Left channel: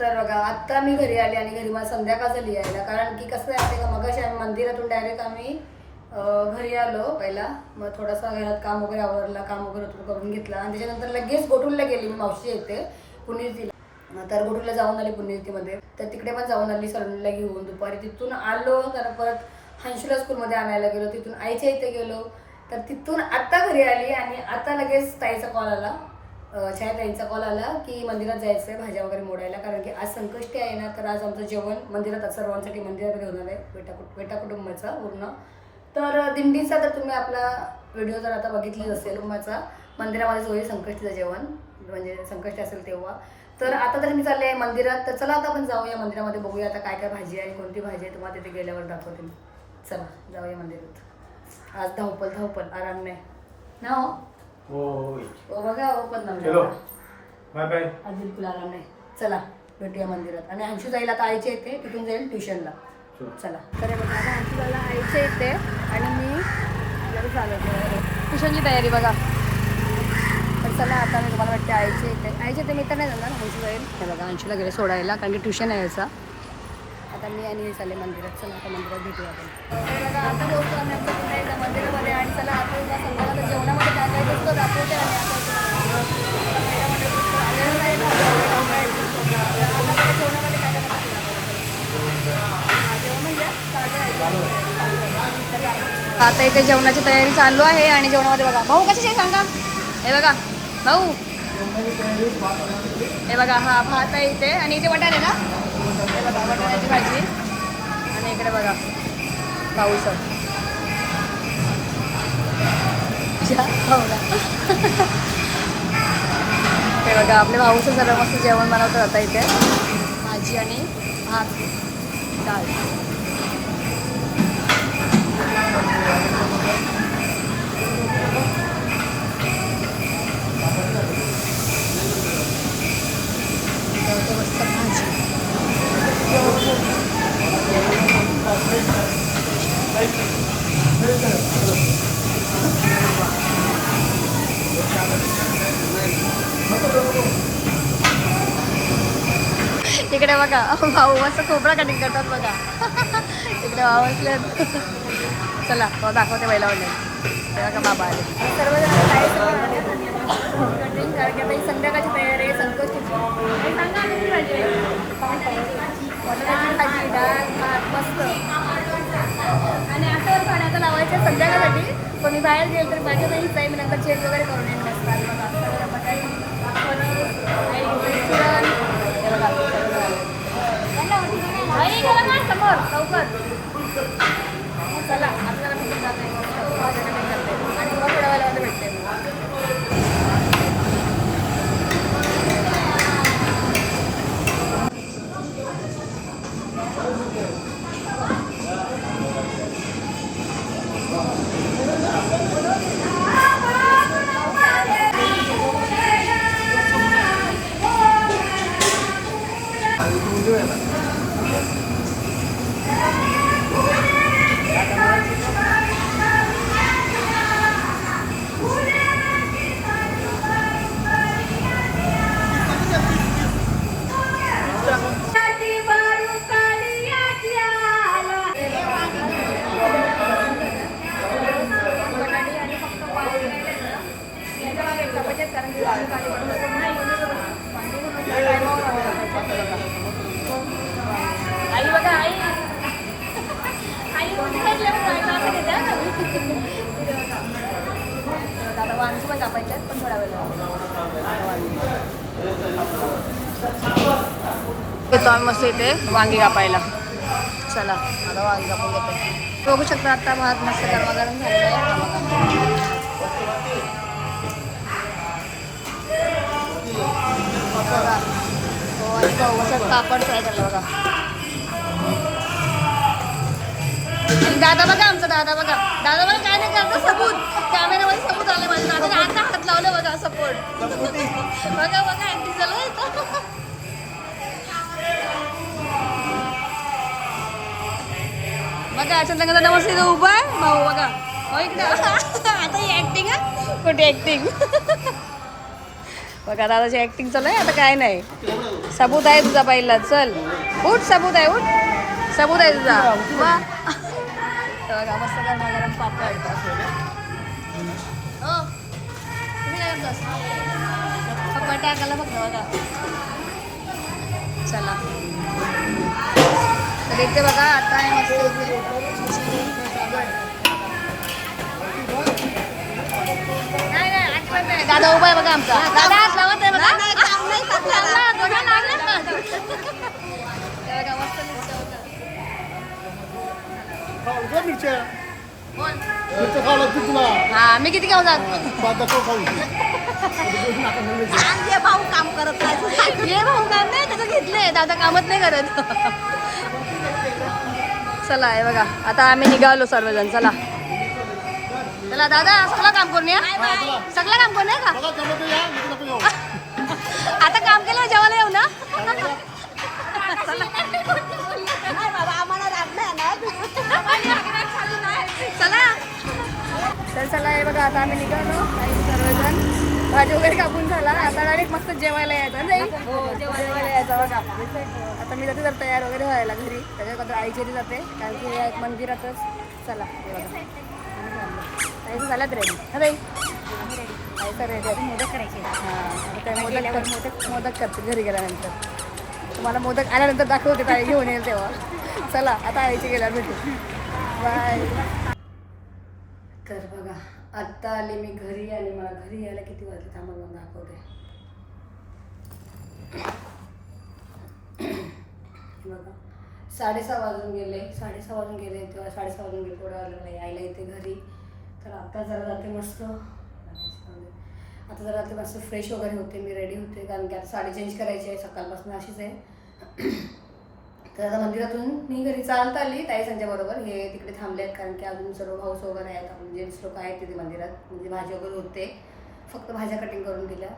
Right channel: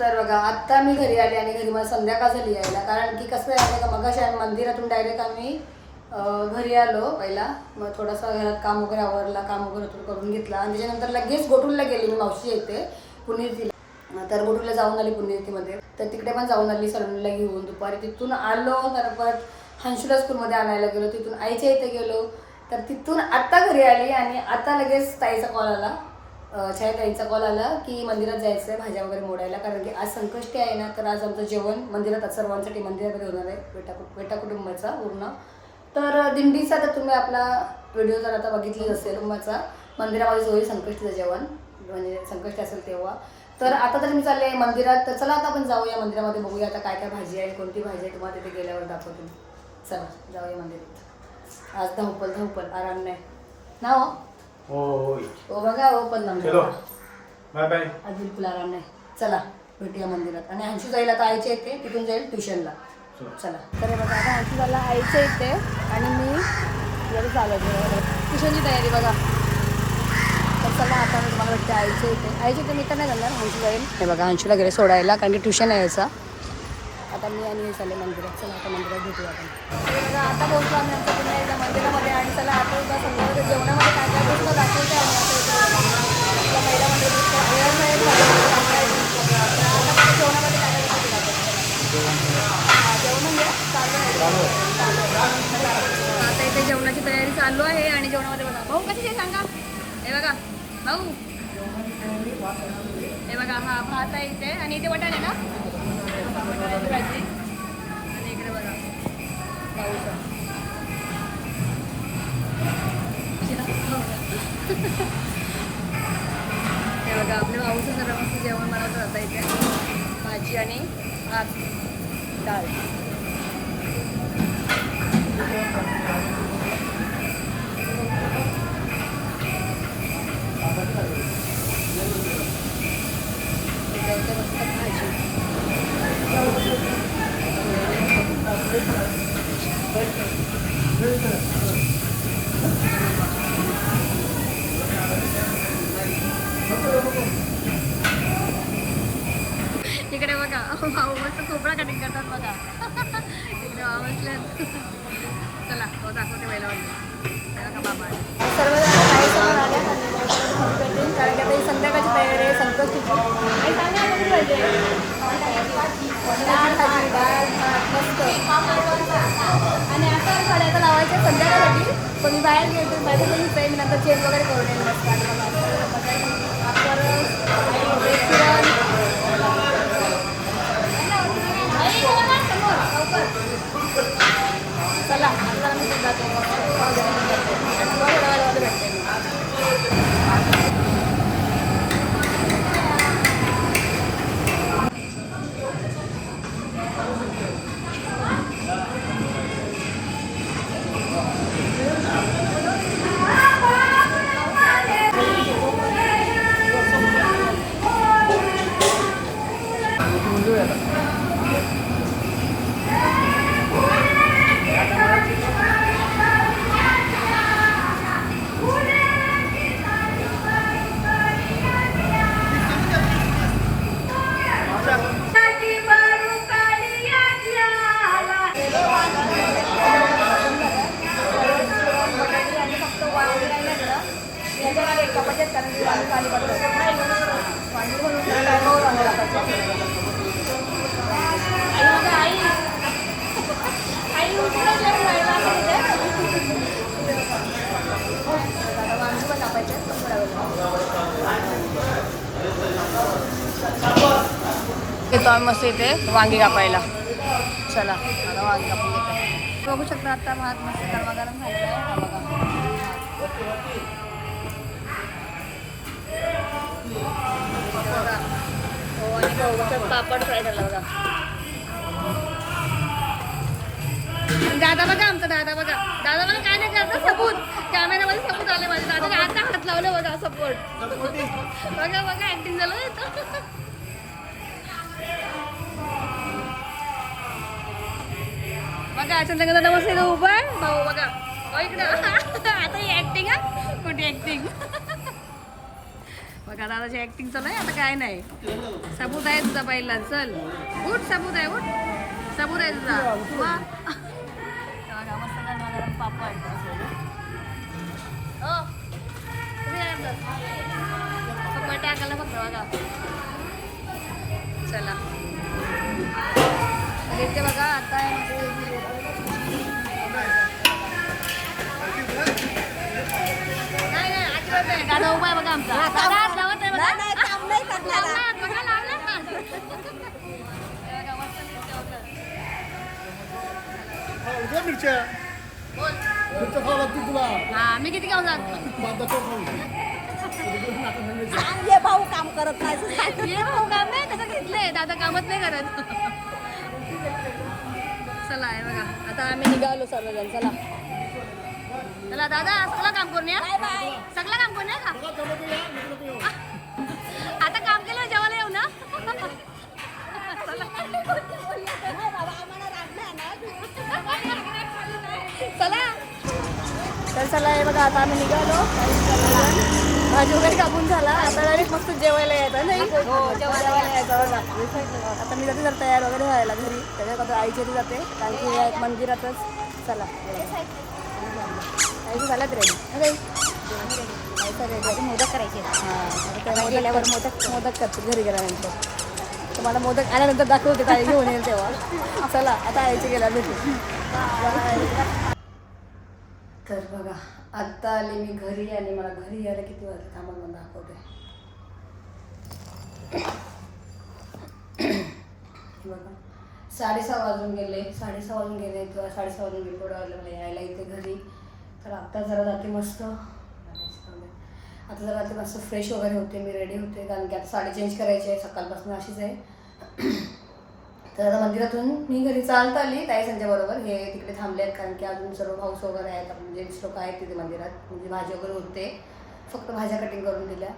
तर बघा आत्ता मी घरी आली आणि घरी मला संध्याकाळ झाली यायला कारण की कसं आहे का मग मंदिरातून डायरेक्ट आम्ही घरी आलो पहिला. मग थोडासा घरात काम वगैरे आवरला काम वगैरे थोडं करून घेतला. आणि त्याच्यानंतर लगेच गोटूरला गेली मी मावशी येते पुणेरतीला तर गोटूरला जाऊन आली पुणेरतीमध्ये तर तिकडे पण जाऊन आली सलूनला घेऊन. दुपारी तिथून आलो तर परत हंशुला स्कूलमध्ये आणायला गेलो. तिथून आईच्या इथे गेलो. तर तिथून आत्ता घरी आली आणि आता लगेच ताईचा कॉल आला. छायाताईंचा कॉल आला की मंदिरात जायचं आहे भाज्या वगैरे मोडायला. कारण की आज संकष्टी आहे ना तर आज आमचं जेवण मंदिरात सर्वांसाठी मंदिरामध्ये होणार आहे बेटा कुट बेटा कुटुंबाचा पूर्ण. तर दिंडीचा तर तुम्ही आपला व्हिडिओ जर आता बघितली असेल कुटुंबाचा मंदिरामध्ये होईल संकष्टीचं जेवण म्हणजे संकष्टी असेल तेव्हा. तर आता तर मी चालले आहे मंदिरात तर चला आता आपण जाऊया मंदिरामध्ये बघूया आता काय काय भाजी आहे कोणती भाजी आहे तुम्हाला तिथे गेल्यावर दाखवते चला जाऊया मंदिरात. आज धावपल धावपल आराम नाही. ना हो? होय. हो बघा हो पण चलो. Bye bye. आज बिलकुल आराम नाही. चला भेटूया मंदिरात. आणि अंशू जाईल आता आईच्या येते तिथून जाईल ट्युशनला. चला. तर हे बघा आता अंशू जायला आईच्या येते आणि मी लगेच आलो ट्युशनची तयारी बघा. तर चला आता मी तुम्हाला भेटते आईच्या इथे. आईच्या इथे मी तर नाही जाणार अंशू जाईल. हे बघा अंशूला घरी सोडायला कारण की ट्युशन आहे याचा. आता मी आणि हे चालले मंदिरात. चला आता मंदिरात भेटू आपण. बघा आता पोहोचलो आम्ही आमच्या पुन्हा एकदा मंदिरामध्ये आणि चला आता उद्या संध्याकाळच्या जेवणामध्ये काय काय गोष्ट दाखवते आणि आता आपला महिला मंडळ गोष्ट आलेलं नाही आता मला जेवणामध्ये काय काय गोष्टी दाखवते जेवण म्हणजे चालू आहे चालू आहे आता इथे जेवणाची तयारी चालू आहे आणि जेवणामध्ये बघा भाऊ कशी आहे सांगा? हे बघा भाऊ. हे बघा हा भात आहे इथे आणि इथे वटाणे ना? बघा वटाण्याची भाजी आणि इकडे बघा. पाऊस हे बघा आपले भाऊचं सर्व मस्त जेवण बनवतात आता इथे. भाजी आणि इकडे बघा भाऊ मस्त खोबरा कटिंग करतात बघा. इकडे भाऊ असले चला तो दाखवते पहिला ऑनलाईन ते बघा बाबा आले. सर्वजण काही समोर आल्या कटिंग कारण की आता ही संध्याकाळची तयारी आहे संकष्टीची. आणि सांगा कशी पाहिजे भाजी डाळ भात मस्त. आणि आतावर साड्या आता लावायच्या संध्याकाळसाठी. पण मी बाहेर गेलो तर माझ्या बहीण आहे मी नंतर चेंज वगैरे करून येईन मस्त. आणि बघा आता वांगी पण कापायचे आहेत, पण थोडा वेळ आम्ही मस्त इथे वांगी कापायला चला. आता वांगी कापून घेते बघू शकता आता भात मस्त गरमागरम झालेला आहे. हा बघा. दादा बघा आमचा दादा बघा. दादा बघा. आता बघा अचानक उभं भाऊ बघा. हो आता ही ऍक्टिंग कुठे ऍक्टिंग बघा दादाची ऍक्टिंग चालू आहे. आता काय नाही. सबूत आहे तुझा पहिला. चल उठ सबूत आहे उठ. सबूत आहे तुझा. मग हे बघा मस्त गरमा गरम पापड. हो. पप्पा टाकायला बघ बघा. चला. तर इथे बघा आता आहे मस्त नाही नाही अजिबात नाही. दादा उभा आहे बघा आमचा. दादा हात लावत आहे बघा लावला, बघा, बघा, मस्त मिरच्या होतात. खाऊ मिरच्या. बोल. मिरच्या खावं लागतील तुला. हा मी किती घेऊन जात? पाच दाखव खाऊ. आमचे भाऊ काम करत नाही ये भाऊ काम नाही त्याचं घेतलंय. दादा कामच नाही करत. चला हे बघा आता आम्ही निघालो सर्वजण चला. चला दादा सगळं काम करून या. सगळं काम करून या का? आता काम केलं जेवायला येऊ ना? चला. तर चला हे बघा आता आम्ही निघालो. काही सर्वजण. भाजी वगैरे कापून झाला. आता डायरेक्ट मस्त जेवायला यायचं नाही जेवायला यायचं बघा. आता मी जाते जर तयार वगैरे व्हायला घरी. त्याच्यात आईची घरी जाते. कारण की या एक मंदिरातच. चला हे. ताईचं झाल्यात रेडी हा ताईचं रेडी मोदक करायचे हां आता काय मोदक मोदक मोदक करते घरी गेल्यानंतर. तुम्हाला मोदक आल्यानंतर दाखवते ताई घेऊन येईल तेव्हा. चला आता आईची गेल्यावर भेटू. बाय तर बघा आत्ता आले मी घरी आणि मला घरी यायला किती वाजले थांबा मला दाखवते. बघा साडेसहा वाजून गेले साडेसहा वाजून गेले तेव्हा साडेसहा वाजून गेले थोडं आलं मला यायला इथे घरी. तर आत्ता जरा जाते मस्त. आता जरा जाते मस्त फ्रेश वगैरे होते मी रेडी होते कारण की आता साडी चेंज करायची आहे सकाळपासून अशीच आहे. तर आता मंदिरातून मी घरी चालत आली ताई संजयबरोबर हे तिकडे थांबले आहेत कारण की अजून सर्व भाऊस वगैरे आहेत. आपण जेंट्स लोक आहेत तिथे मंदिरात. म्हणजे भाजी वगैरे होते. फक्त भाज्या कटिंग करून दिल्या.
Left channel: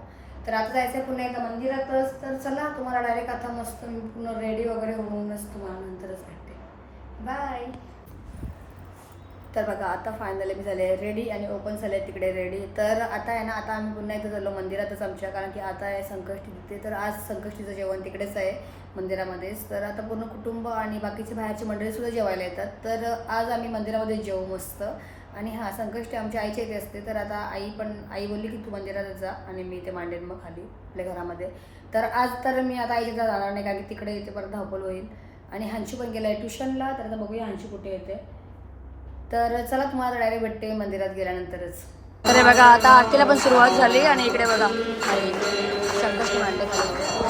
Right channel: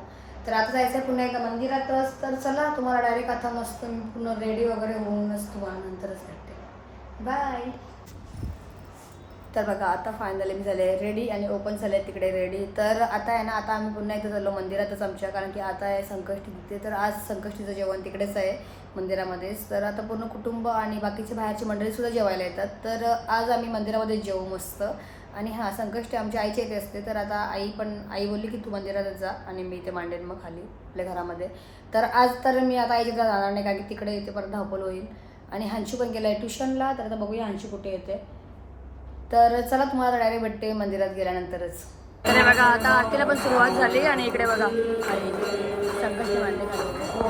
तर आता जायचं आहे पुन्हा एकदा मंदिरातच तर चला तुम्हाला डायरेक्ट आता मस्त मी पूर्ण रेडी वगैरे होऊनच तुम्हाला नंतरच भेटते. बाय तर बघा आता फायनली मी झाले रेडी आणि ओपन झाले तिकडे रेडी तर आता आहे ना आता आम्ही पुन्हा एकदा चाललो मंदिरातच आमच्या कारण की आता आहे संकष्टी तिथे. तर आज संकष्टीचं जेवण तिकडेच आहे मंदिरामध्येच. तर आता पूर्ण कुटुंब आणि बाकीचे बाहेरची मंडळीसुद्धा जेवायला येतात. तर आज आम्ही मंदिरामध्ये जेवू मस्त. आणि हां संकष्टी आमच्या आईच्या इथे असते. तर आता आई पण आई बोलली की तू मंदिरात जा आणि मी इथे मांडेन मग खाली आपल्या घरामध्ये. तर आज तर मी आता आईच्या जाणार नाही कारण की तिकडे इथे परत धावपल होईल. आणि हांशू पण गेला आहे ट्युशनला. तर आता बघूया हांशू कुठे येते. तर चला तुम्हाला डायरेक्ट भेटते मंदिरात गेल्यानंतरच. तर हे बघा आता आरतीला पण सुरुवात झाली आणि इकडे बघा. अरे संकष्टी मांडले खाली.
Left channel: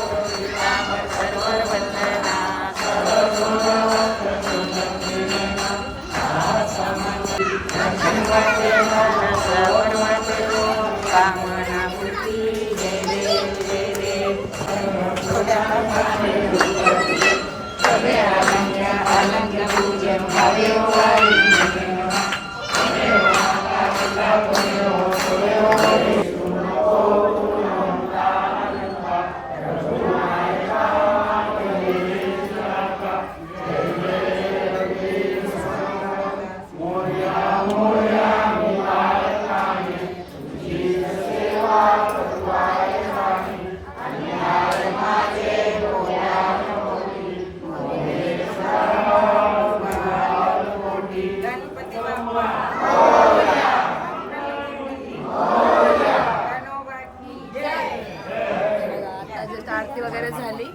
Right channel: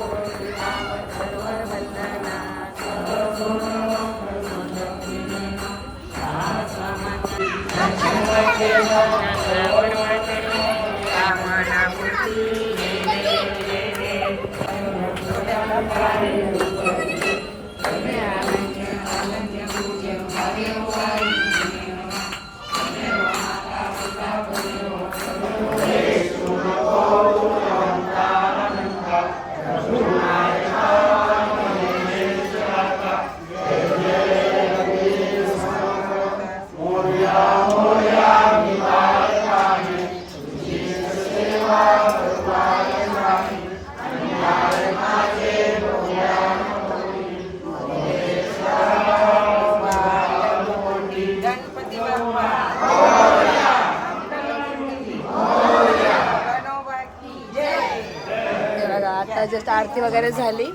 आता आरती वगैरे झाली.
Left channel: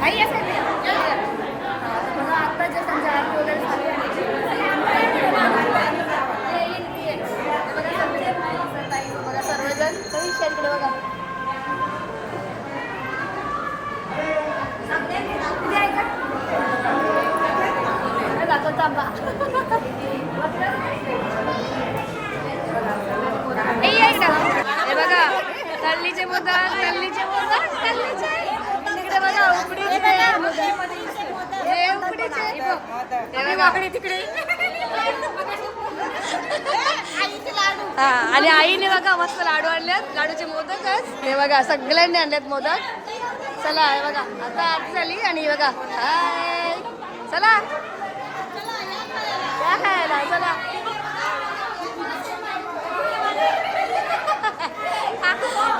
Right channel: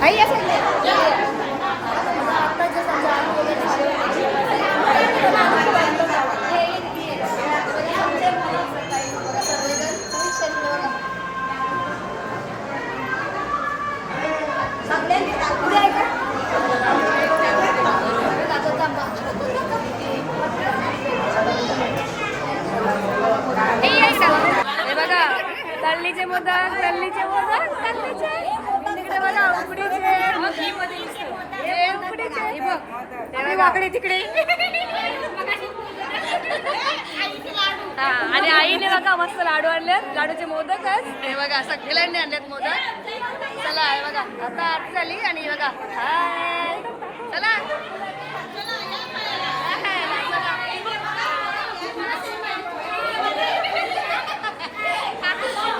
नाही या side आता जस्ट आमची आरती वगैरे झाली. तळणीचे मोदक तल्लीचे मोदक तळणीचे तिकडे बघा उकडीचे. हे उकडीचे. बघा. तिकडे हा आणि आईने बघा मस्त लाडू आणलेत. लाडूचे मोदकच. हे बघा सगळ्यांनी आणलेत मोदक. चला हे बघा. आता आरती झाली आणि बघा. हाय. चला. चला.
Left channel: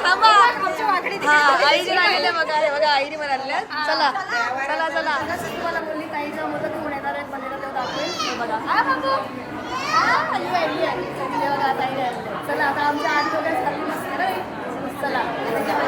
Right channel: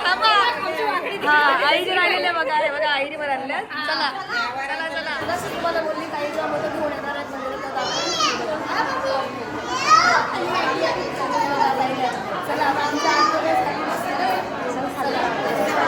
थांबा हा आईने लागलेले बघा अरे बघा आईने मला आणल्या चला चला चला. जशी तुम्हाला बोलली काही जेव्हा मोदक घेऊन येणार आहेत मंदिरात दाखवेल बघा. चला आता आमच्या आठ वगैरे झाली चला.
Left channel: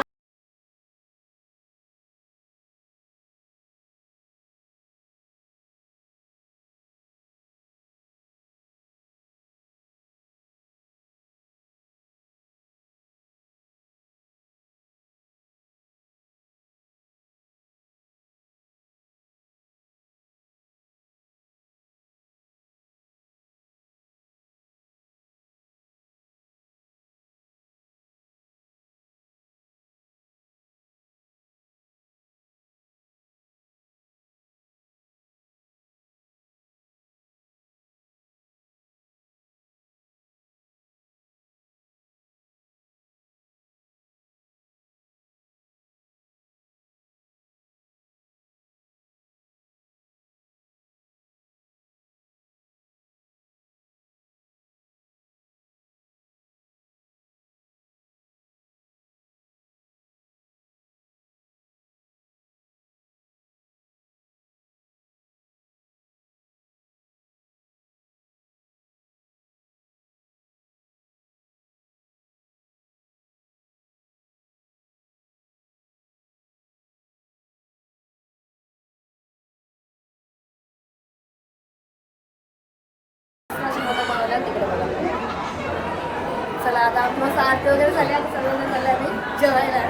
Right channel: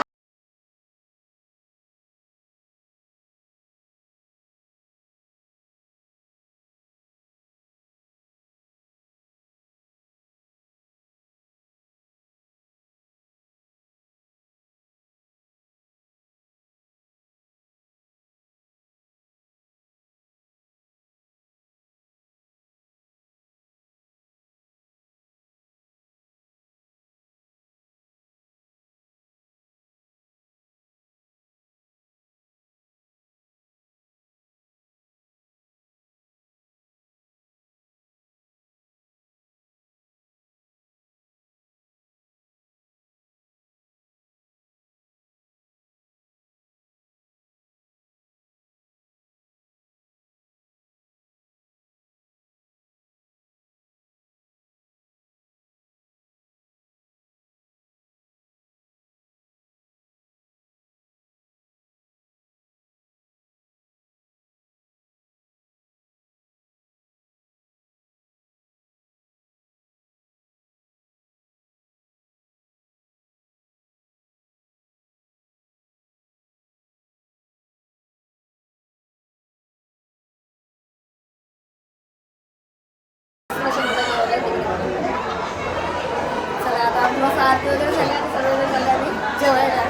आरती वगैरे झाली आता सर्वजण झाले आम्ही. जेवायला.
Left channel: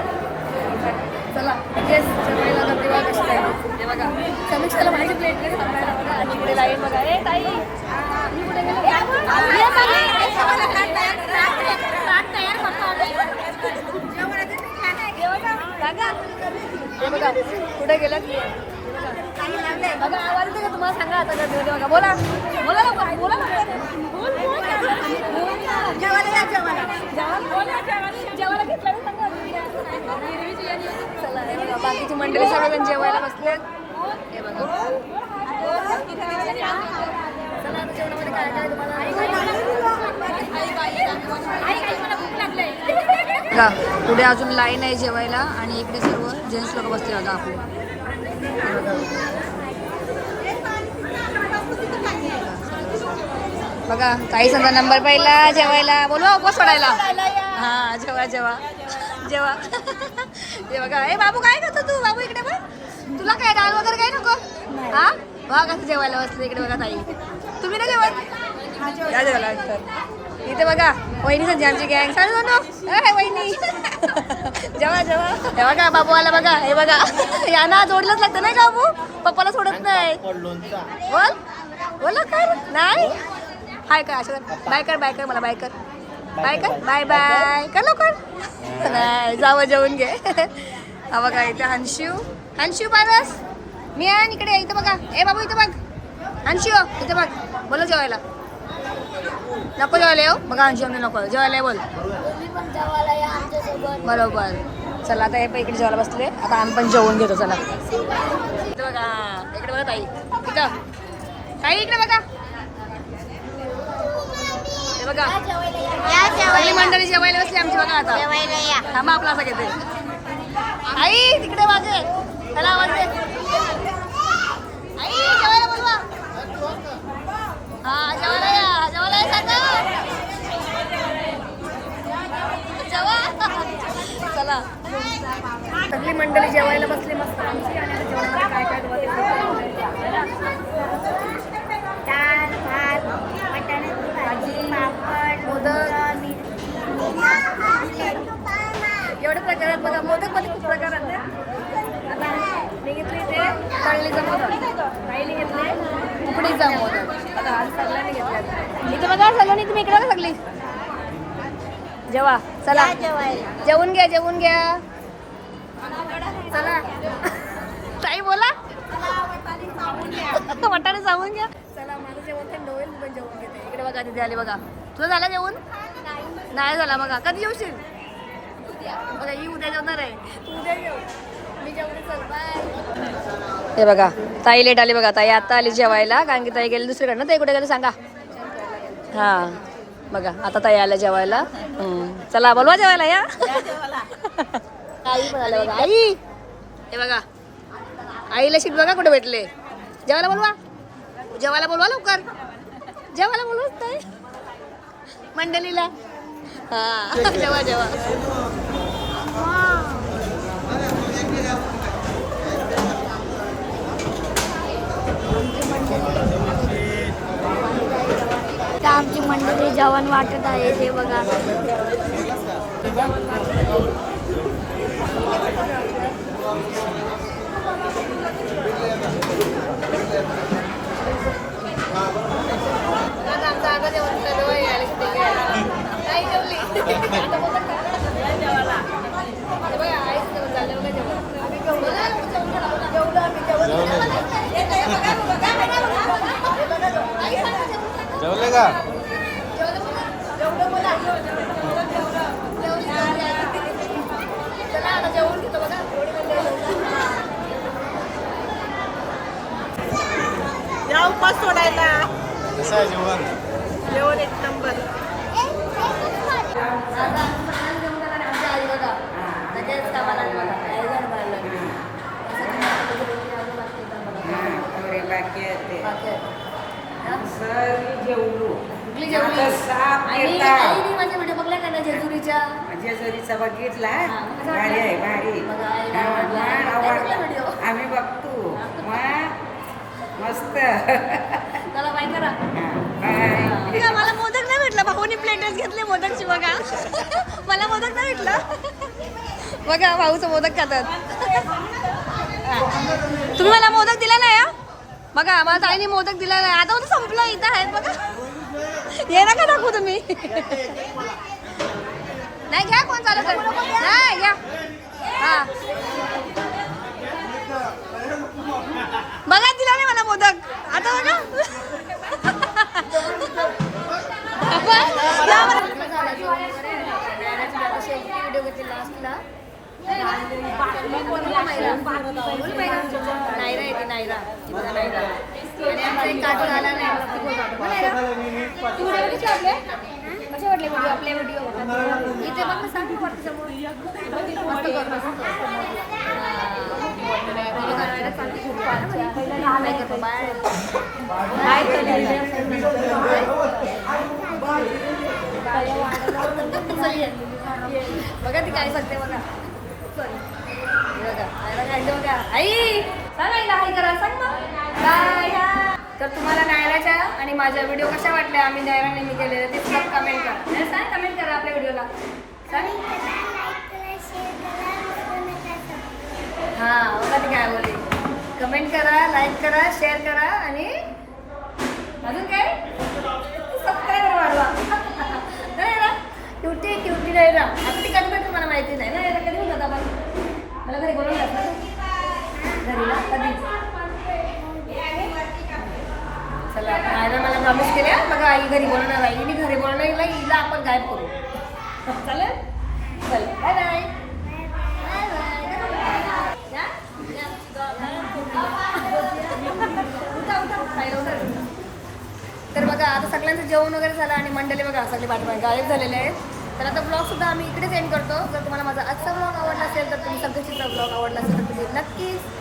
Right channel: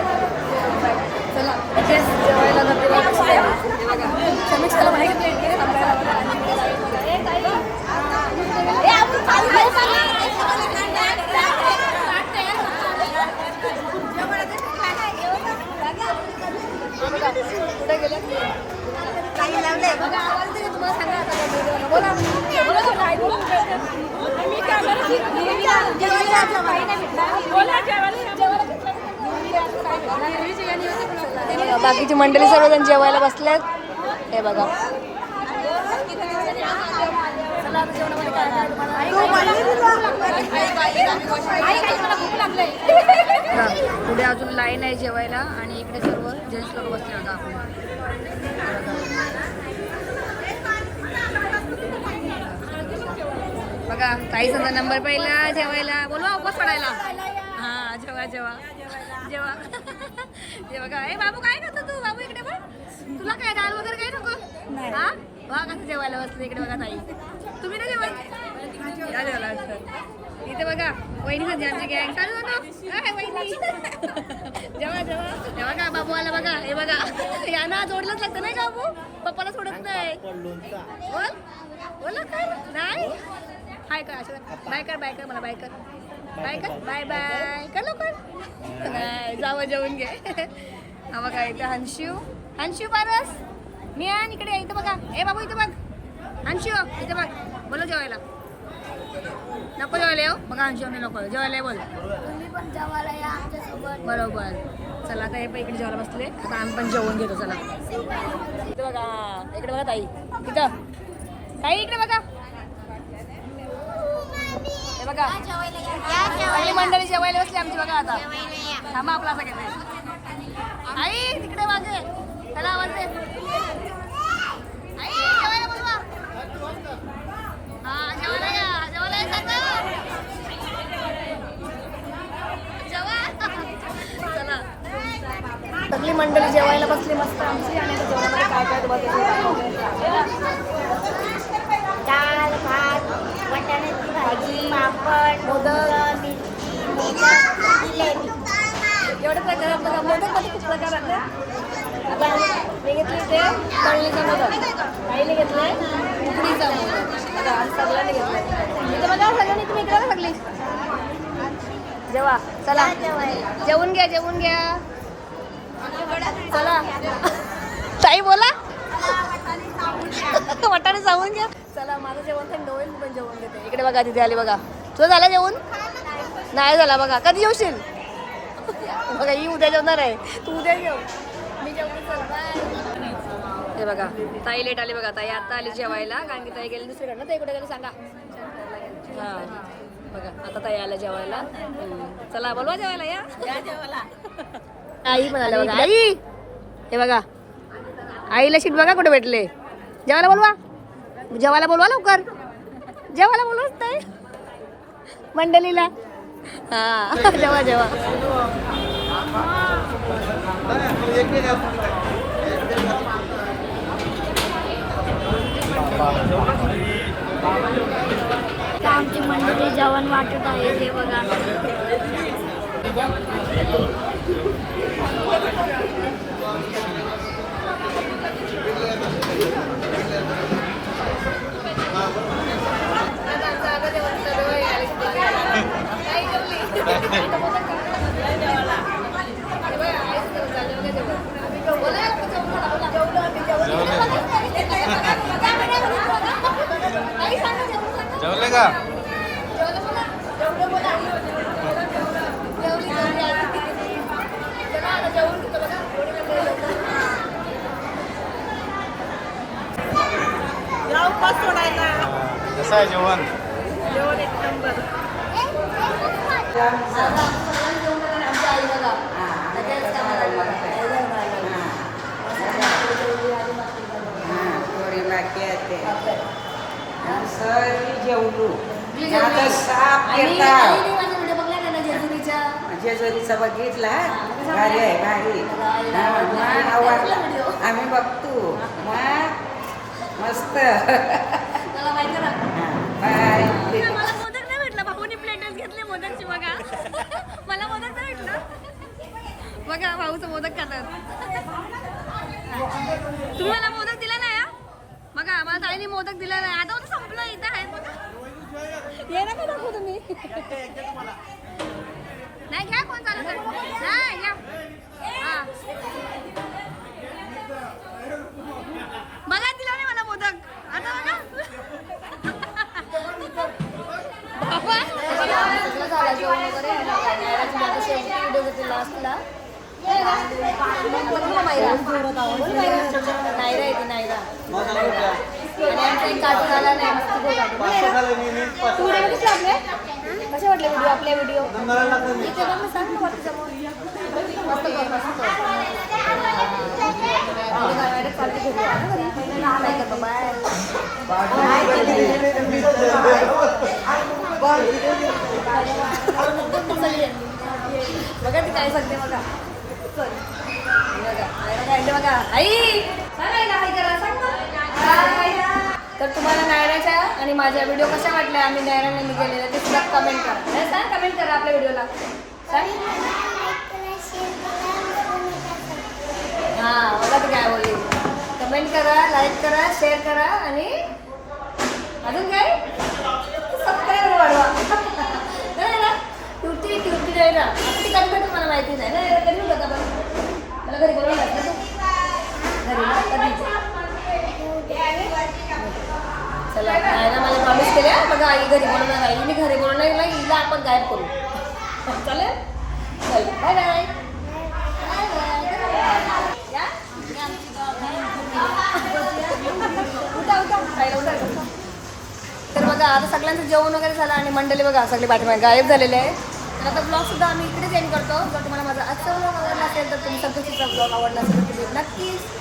चला तेच जेवायला गर्दी बघा कशी झाली. हे बघा समीक्षाला माझी प्लेटमध्ये थांबायला बघा आणि इकडे ताई बघा ए ताई कुठे गेले? तुम्हाला सांगा आता बोला. बाकीची मंडळी सर्वजण जेवायला बसल्यात हे बघा. चला आता जेवणामध्ये काय काय तुम्हाला पुढे अजून लाईन आहे जेवायला आणि इकडे सर्व जेंट्स लोक बसले बघा आपले. बघा. काही समजा नंबर पहिला जेवायला. बोलवा उपवास सोडायला. हा जेवा जेवा. जेवा. ते बघा ए बाबू काय करतो तू? बाबू इकडे बघ. तुला काय डाल वगैरे काय नको? हा? बघा कसं जेवायला बसले इकडे बघा ताई. तुम्ही ना जेवण या जेवायला इथे बघा. वहिनी संजी आमची गँग चालू ए वहिनी जेवा जेवा. हे बघा बाबू आला बघा हे बघा. यांना जोडलंच लागतं नाही का बाबू? पप्पाला सोडत नाही बोल. बोल कर. नाही? हाय कर अशा बाय कर बाय कर मला बाय कर. बाय कर बाय बाय कर लवकर. नाही. जावं जेवून घे. हा बघा इथे हंशू हंशू पारस. मी आहे इकडे इथं बघा. ए बाबू इथं बघ. हंशू इथं बघ. बोलो जेवायला. नको जेवायला येऊ? बघा हंशू आम्ही नको. जेवायला ये बोल. बरोबर. चला आता हे पण इकडे जेवायला बसले. आता आम्ही पण जेवून घेतो चला. इकडे बघा इकडे बघा ताई. इथं. ताई इकडे बघा. हे बघा. सगळी मंडळी जेवायला बसली आमची बघा आता. थांबा आपला असं घेते. आई तिकडे मागे त्याला आवाज दे. आई जेवायला बोलवा. हा जेवायला या सांगा जेवा चला सगळी मंडळी जेवायला बसली मस्त आमची आणि जेवणामध्ये काय काय डाळ भात वाटाण्याची भाजी पापड मोदक. एवढे प्रकार आहेत बघा. मोदकमध्ये खूप प्रकार आहेत आता मी घेतले ते तळणीचा मोदक. ताईने घेतले उकडीचा मोदक. बघा आज सगळ्यांनी घेतलाय. सगळ्यांनी तुम्ही इकडे सगळी. जेवा. चला. जेवून घ्या जेवून घ्या. चला. ताई बोला. वाटाणे जाऊन घ्या. चला माझं जेवण थंड होईल पण जेवण घेते. इकडे बघा तिथे आली बघा. तुझं झालं जेवण? नाही झाला बघा. कधी येऊशील बघा ही उद्या जेवणार आहे. तू उद्या जेव. मी जेवण चल बाय हे बघा ताई लेट आली बघा. ताई आता आली जेवायला. कारण की ताई गेली दुसरीकडे ना ताई कुठे गेले सांगा. हा. बघा आता ताई आल्या जेवायला. चला बोलवा जेवायला या. आई. हे बघा. आईला शीट बघा कुठे भेटले. जेवायला बोलवा. जेवायला बोलवा लवकर. जेवायला बोलवा नाही मंडळीला. जेवा जेवा तर मध्ये जेवण वाटत आहे हे बघा. जेवले का? कसं आहे जेवण? जेवण झालं आणि आमची आई बघा लगेच कामाला बाकी आहे. सर जेवलो. जेवली. आता साप आणि येतात. आईने माझे व्हिडिओ बघला का ना जेजुरीच्या? जेजुरीचा बघितला हा, मग कसं भारी आहे? भारी. मग आईला हा, आवडला. मग आवडला. आवडला. व्हिडिओ. आम्ही बघतो. मग मस्त. माहिती करा. बाय मला मोदक नाही भेटला. भाऊनी प्लेटच घेतले मोदकची बघा. मला मोदक नाही भेटला. बघा भाऊचं मोदक खातात. तुम्ही मला मोदक दिला नाही हा? बघा मला ताईने मोदक दिला नाही. आता होतं संपलं इथं आहेत बघा. ये नका दाखवू तुम्ही नाही घ्या कोण चालत नाही घ्या. हा. बघा दिला नाही मला मोदक. आता बघा. नायरा येते नायरा नायरा आणि आमचा एक कार्टून आला नाही मस्त गो कार्टून ना तू व्हिडिओ बघितला आपले कसे वाटले व्हिडिओ आपले व्हिडिओ इथे बघ ना सांग ना वरती समोर. मस्त कर मस्त. चालते घरी ना घरी. काय कर बाय. बघा ती काय सांगते बघा. चल. बघा बघा. आई! सांग आईला हाय करा सांग ना. तर तुम्हाला नायराच्या आणि माझ्या व्हिडिओ कशा वाटल्या? आम्ही नायरा नेहमी केलेले ते सुद्धा कमेंट करा. नाही, सांग कमेंट करा आपल्या व्हिडिओला सांग. हां बघा ती काय बोलली. कमेंट करा लाईक करा शेअर करा आणि अजून काय? सबस्क्राईबर वाढवा. नाही ना? क्युटी क्युटी नाही ना? आता ती कधी भेटेल मला माहिती नाही. ना याला कधी होतं आपण? मला घरी बोलून घरी ना कधी चला आईला मला प्रॉमिस केल्या. मग आई घरी बोलवणार आई मी घरी बोलवणार हिला हिला आपण गायब करू. चालेल? चल बाय बाय या. उठा खायला उठा तर बघा आता सगळ्यांचं जेवण वगैरे झालं आणि मंडळी बघा सगळे पाठीमागे गायब झालेले आहेत. तर आता ब्लॉग सुद्धा आम्ही इकडेच एंड करतो. जर तुम्हाला माझा आजचा ब्लॉग आवडला असेल तर तुम्ही सगळ्याचा ब्लॉग आवडला असेल तर तुम्ही नक्कीच